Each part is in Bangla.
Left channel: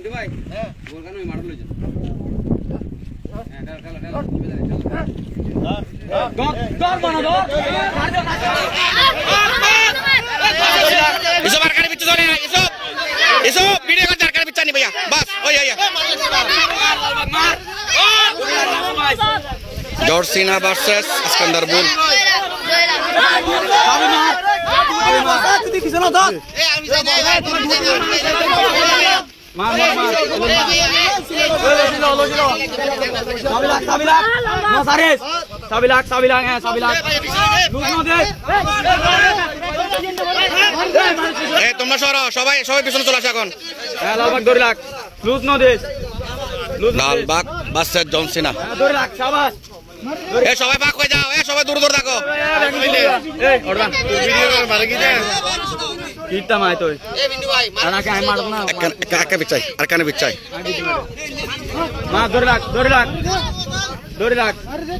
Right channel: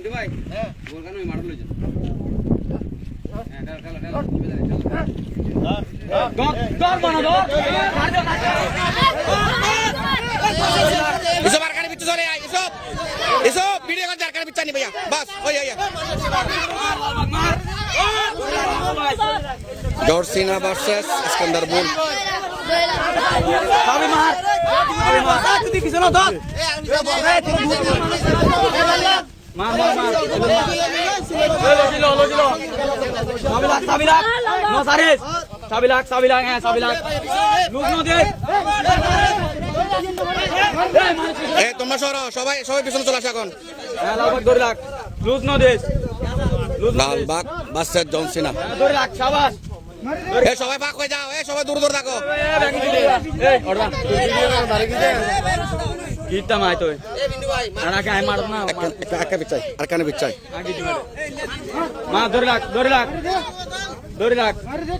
পিন্টু ভাই গোল কেন মারল লইছেন এসব আর কানে পিছু চলে না এসব ভিডিও করতে আর কানে পিছু নি ভাইয়া বাস ওই জর্সিনা ভার্সেস ইস্কান্দারবুল তোমরা সবাই পিছনে চলে আসো এখন লালবাগ ভার্সেস জর্সিনা সবাই ভাগ হয়ে যাও সবাই দূর দূর থাকো আর কানে বিচ্ছাই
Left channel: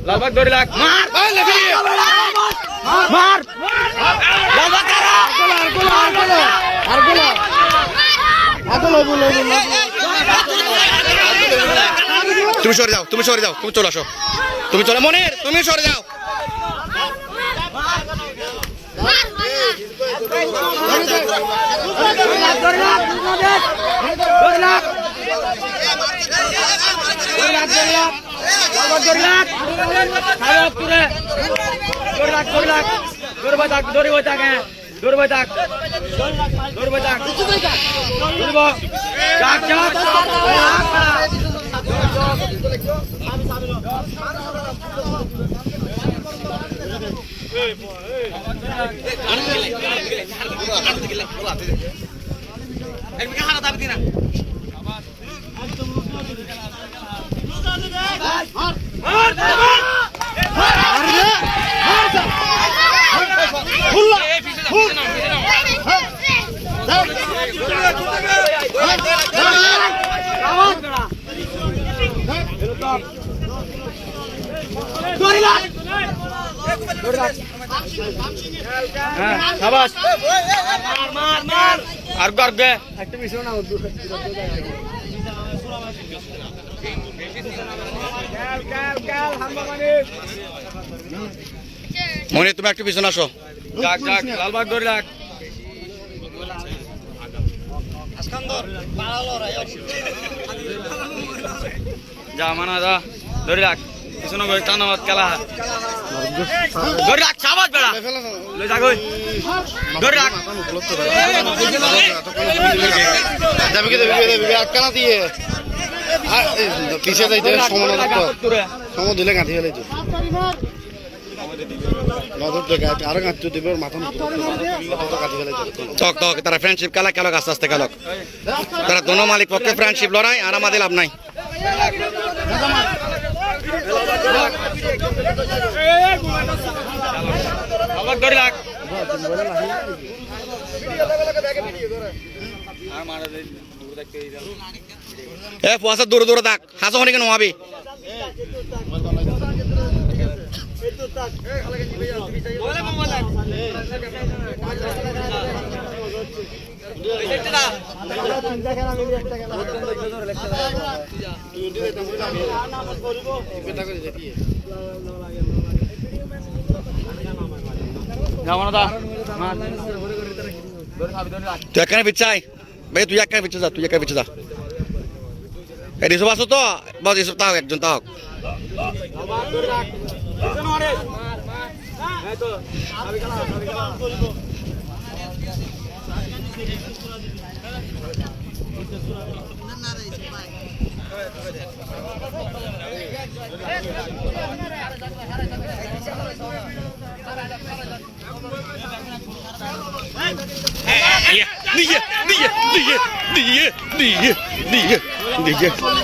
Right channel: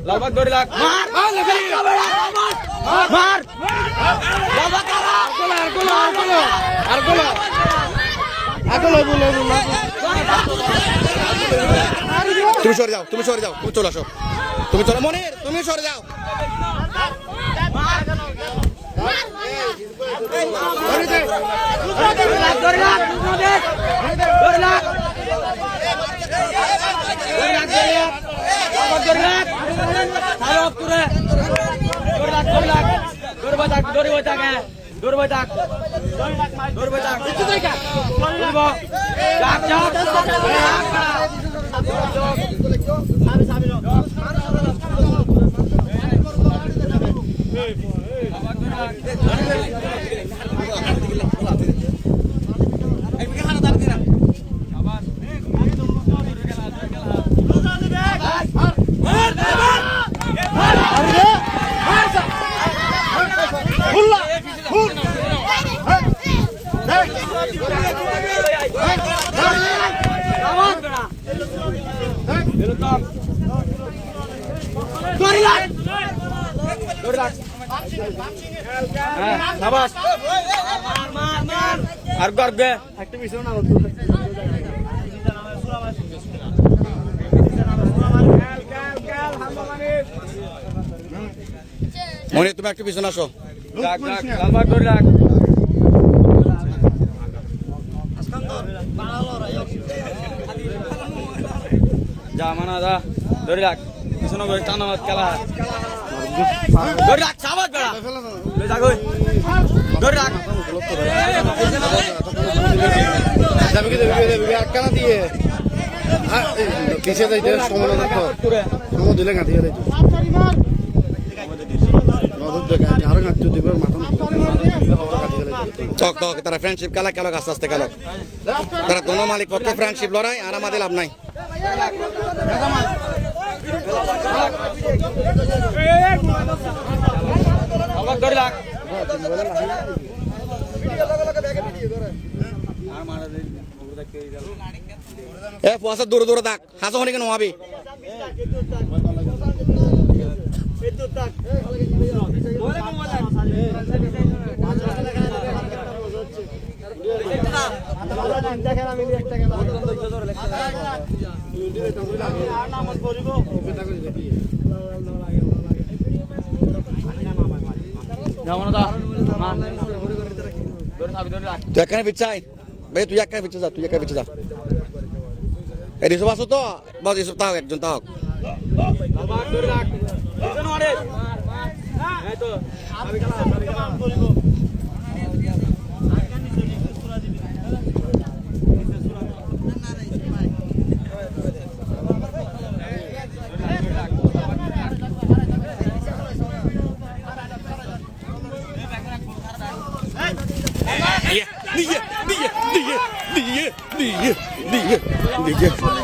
লালবাগ ধরে রাখ মার তুমি সরে যাও তুমি চলে আসো তুমি চলে মনির তুমি সরে যাও আর গর্বে মনে তুমি একটু পিছনে আসো লালবাগ ধরে রাখ যা মানা যা ধরে রাখ পিছনে টানাবাদ খেলা ধরে রাখ সাবাদ বেড়া লই যা কই ধরে রাখ যাবে কি দেবে একখানা দিয়ে পিছিয়ে যাইতে সময় দিলে গাঁথি গেলে তারা ফ্রেন্ডশিপ খেলা খেলক আস্তে আস্তে খেলক তারা দোনো মালিক পক্ষে ফ্রেন্ডশিপ লড়াই আর আমাদের লাভ নাই ধরে রাখ পুয়াশা দূরে দূরে থাক হাসো হনি কেন হবি তুই এখানে পিছাই ভাই তুই এখানে পিছে যা এই সব আসো তো বস এসব তাও একজন তাও দিয়ে